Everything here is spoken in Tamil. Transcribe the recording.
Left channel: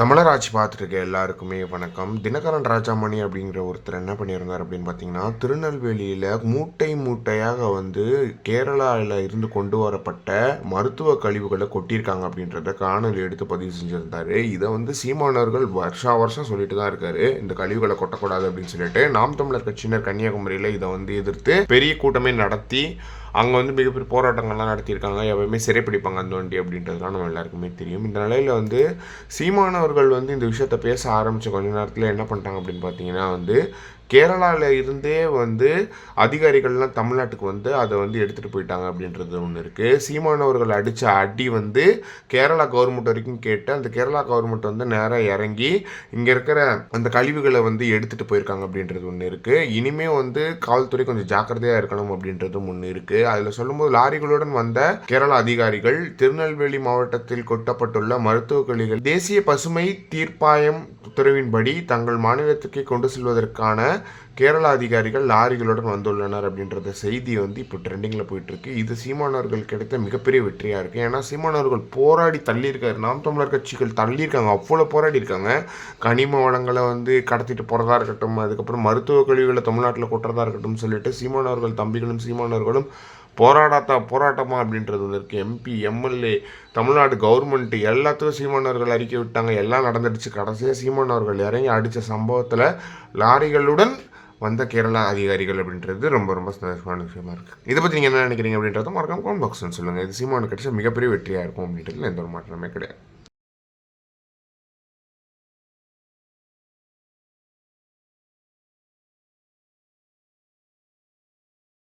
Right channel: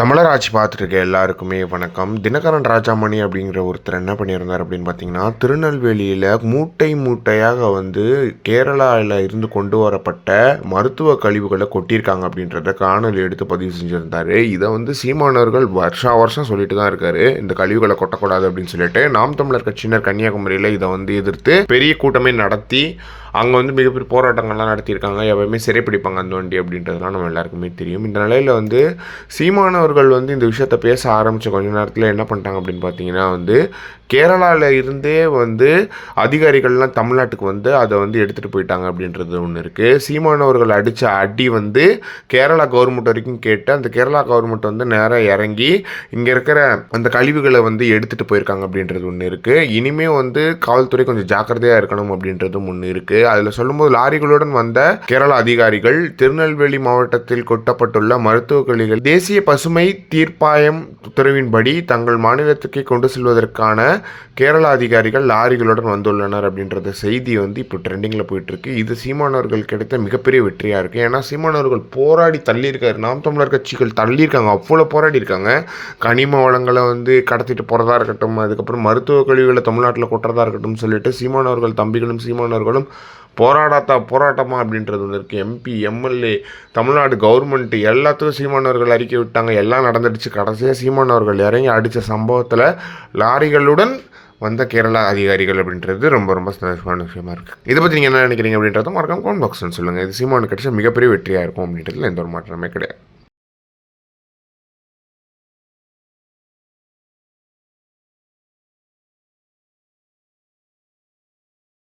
தமிழர் ஆட்சி பார்த்துருக்க எல்லாருக்குமே வணக்கம். தினகரன் ராஜாமணி அப்படிங்கிற ஒருத்தர் என்ன பண்ணியிருந்தார் அப்படின்னு பார்த்தீங்கன்னா, திருநெல்வேலியில் மூட்டை மூட்டையாக கேரளாவில் இருந்து கொண்டு வரப்பட்ட மருத்துவ கழிவுகளை கொட்டியிருக்காங்க அப்படின்றத காணொலி எடுத்து பதிவு செஞ்சுருந்தார். இதை சீமானவர்கள் வருஷா வருஷம் சொல்லிட்டு தான் இருக்காரு, இந்த கழிவுகளை கொட்டக்கூடாது அப்படின்னு சொல்லிட்டு. நாம் தமிழர் கட்சியினர் கன்னியாகுமரியில் இதை எதிர்த்து பெரிய கூட்டமே நடத்தி அங்கே மிகப்பெரிய போராட்டங்கள்லாம் நடத்தியிருக்காங்க. எப்பவுமே சிறைப்பிடிப்பாங்க அந்த வண்டி அப்படின்றதுலாம் நம்ம எல்லாருக்குமே தெரியும். இந்த நிலையில் சீமானவர்கள் இந்த விஷயத்தை பேச ஆரம்பித்த கொஞ்ச நேரத்தில் என்ன பண்ணிட்டாங்க அப்படின்னு பார்த்தீங்கன்னா, கேரளாவில் இருந்தே அதிகாரிகள்லாம் தமிழ்நாட்டுக்கு அதை எடுத்துகிட்டு போயிட்டாங்க அப்படின்றது ஒன்று இருக்குது. சீமானவர்கள் அடித்த அடி கேரளா கவர்மெண்ட் வரைக்கும் கேட்டு அந்த கேரளா கவர்மெண்ட் நேராக இறங்கி இங்கே இருக்கிற அந்த கழிவுகளை எடுத்துகிட்டு போயிருக்காங்க அப்படின்றது ஒன்று இருக்குது. இனிமே காவல்துறை கொஞ்சம் ஜாக்கிரதையாக இருக்கணும் அப்படின்றதும் ஒன்று இருக்குது. அதில் சொல்லும்போது லாரிகளுடன் வந்த கேரளா அதிகாரிகள் திருநெல்வேலி மாவட்டத்தில் கொட்டப்பட்டுள்ள மருத்துவ கழிவுகள் தேசிய பசுமை தீர்ப்பாயம் உத்தரவின்படி தங்கள் மாநிலத்துக்கே கொண்டு செல்வதற்கான கேரளா அதிகாரிகள் லாரிகளுடன் வந்துள்ளனர் அப்படின்றத செய்தி இப்போ ட்ரெண்டிங்கில் போயிட்டுருக்கு. இது சீமானவர்கள் கிடைத்த மிகப்பெரிய வெற்றியாக இருக்குது. ஏன்னா சீமானவர்கள் போராடி தள்ளியிருக்காரு, நாம் தமிழர் கட்சிகள் தள்ளியிருக்காங்க, அவ்வளோ போராடி இருக்காங்க. கனிம வளங்களை கடத்திட்டு போகிறதா இருக்கட்டும், அதுக்கப்புறம் மருத்துவ கழிவுகளை தமிழ்நாட்டில் கொட்டுறதா இருக்கட்டும் சொல்லிட்டு சீமானவர்கள் தம்பிகளும் சீமானவர்களும் போராட்டமா அப்படின்றது ஒன்று இருக்குது. எம்பி எம்எல்ஏ தமிழ்நாடு கவர்மெண்ட் எல்லாத்துக்கும் சீமானவர்கள் அறிக்கை விட்டாங்க, எல்லாம் நடந்துடுச்சு. கடைசியாக சீமானவர்கள் இறங்கி அடித்த சம்பவத்தில் லாரிகளுடன் வந்த கேரளா அதிகாரிகள் அப்படின்றது ரொம்ப ரொம்ப சந்தோஷமான விஷயமா இருக்குது. இதை பற்றி நீங்கள் என்ன நினைக்கிறீங்க அப்படின்றத மறக்காம கமெண்ட் பாக்ஸ்ன்னு சொல்லுங்கள். இது சீமானு கிடைச்ச மிகப்பெரிய வெற்றியாக இருக்கும் அப்படின்றதுல எந்த ஒரு மாற்றமே கிடையாது.